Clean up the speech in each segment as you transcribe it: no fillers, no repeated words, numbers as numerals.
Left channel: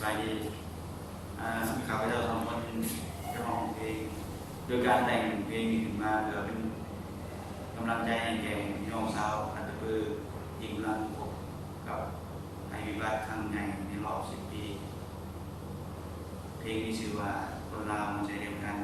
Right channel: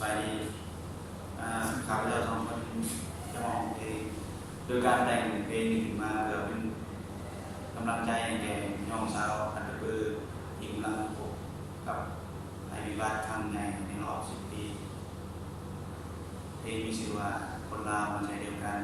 ไปดีข้าพเจ้าสองคนจะมาร้องเพลงโดยการแต่งเพลงขึ้นมาเพื่อเป็นกำลังใจให้แก่น้องสาวอันเป็นปือหญิงลังพบกับภัยพิบัติทางในรอบ10 ปีเพลงมีชื่อว่าคนลาวมาใจเดียวกัน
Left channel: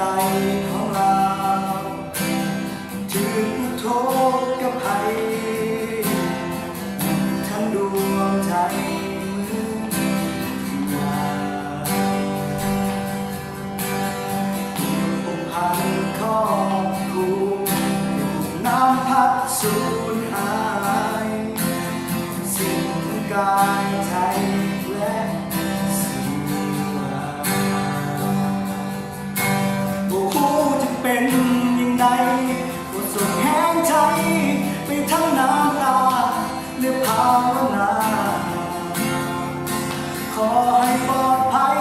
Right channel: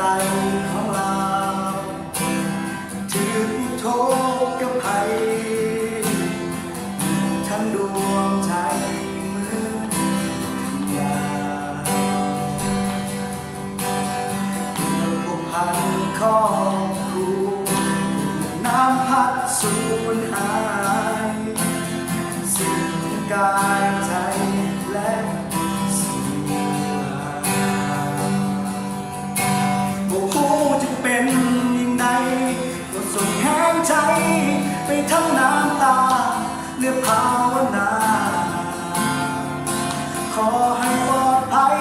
ใต้ของเราถือโทษกับภัยทั้งดวงใจมือว่าองค์พันครอบครูน้ำพัดสูญหายสิ้นกายใจและเป็นยิ่งใดก็ส่งแห้งใจไปทั้งน้ำตาเลือกภาวนาขอให้ปลอดภัย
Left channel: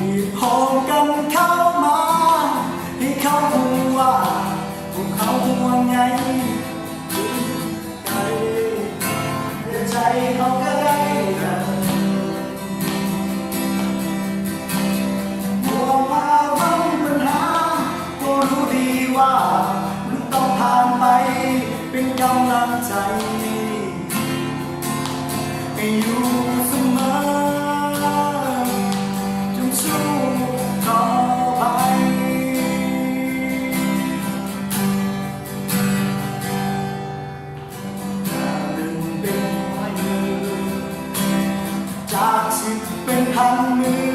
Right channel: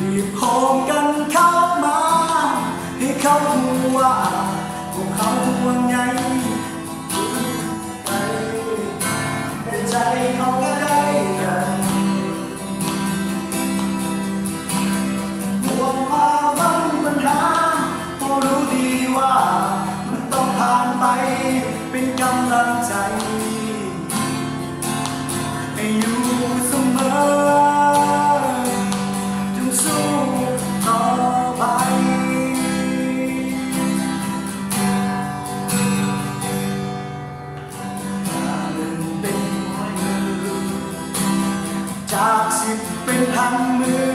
รีบโฮมกันเข้ามาให้เขารู้ว่าพวกเขาห่วงใยแต่ใจเขาก็ได้กันเป็นกำลังใจให้อยู่เสมอจงสู้ต่อไปหนึ่งเป็นมือจาก10 เป็นพันมือ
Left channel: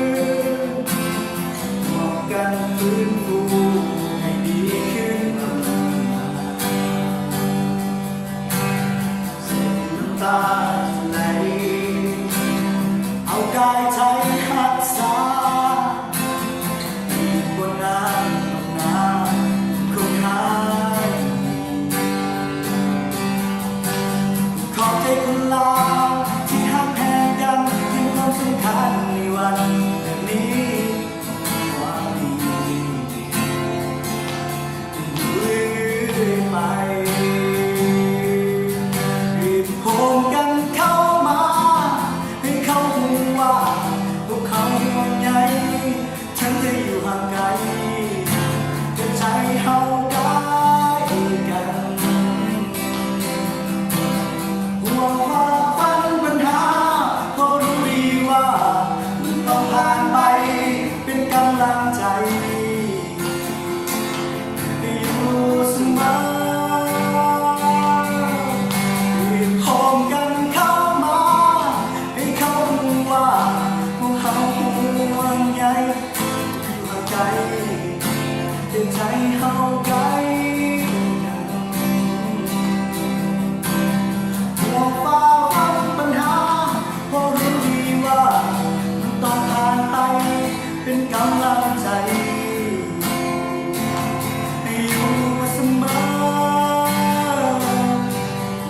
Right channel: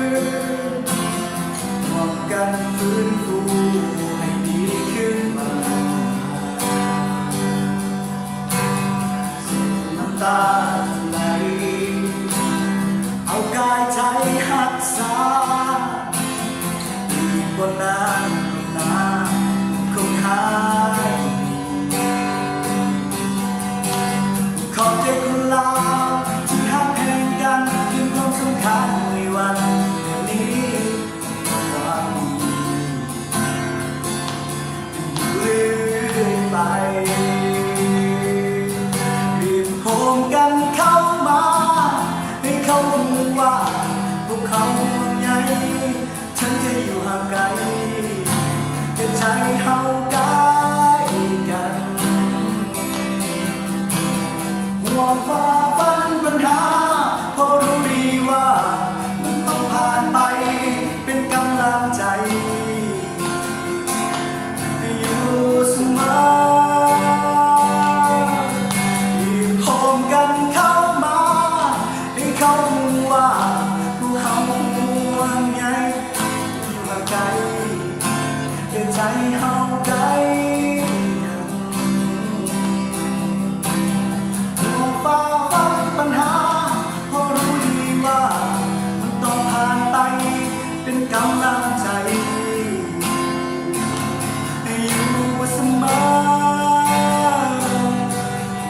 ร่วมกันฟื้นฟูให้ดีขึ้นตาไหลเอากายใจหักษาดีกว่านานนานคงหายขอบใจคนลาวที่หักแพงกันยิ่งความสำคัญในวันแบบนี้ความดีจงอยู่เรื่อยไปโฮมกันเข้ามาให้เขารู้ว่าพวกเขาห่วงใยฉันจะอยู่ห่างไกลแต่ใจเขาใกล้กันห่วงฝ่าฟันปัญหาเพราะรู้ดีว่ามันต้องผ่านไปเป็นกำลังใจให้อยู่เสมอใจเฮาไกลกันห่วงฝ่าฟันปัญหาเพราะรู้ดีว่ามันต้องผ่านไปเป็นกำลังใจให้อยู่เสมอ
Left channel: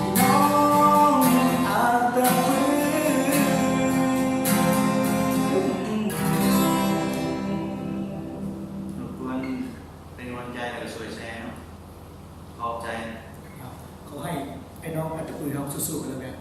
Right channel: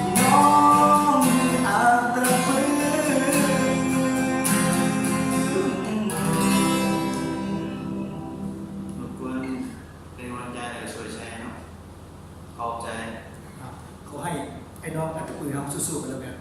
พี่น้องอาจจะฟื้นขอบใจเขาให้ไอ้น้องอัตปือเขาสู้ๆกันแล้วกัน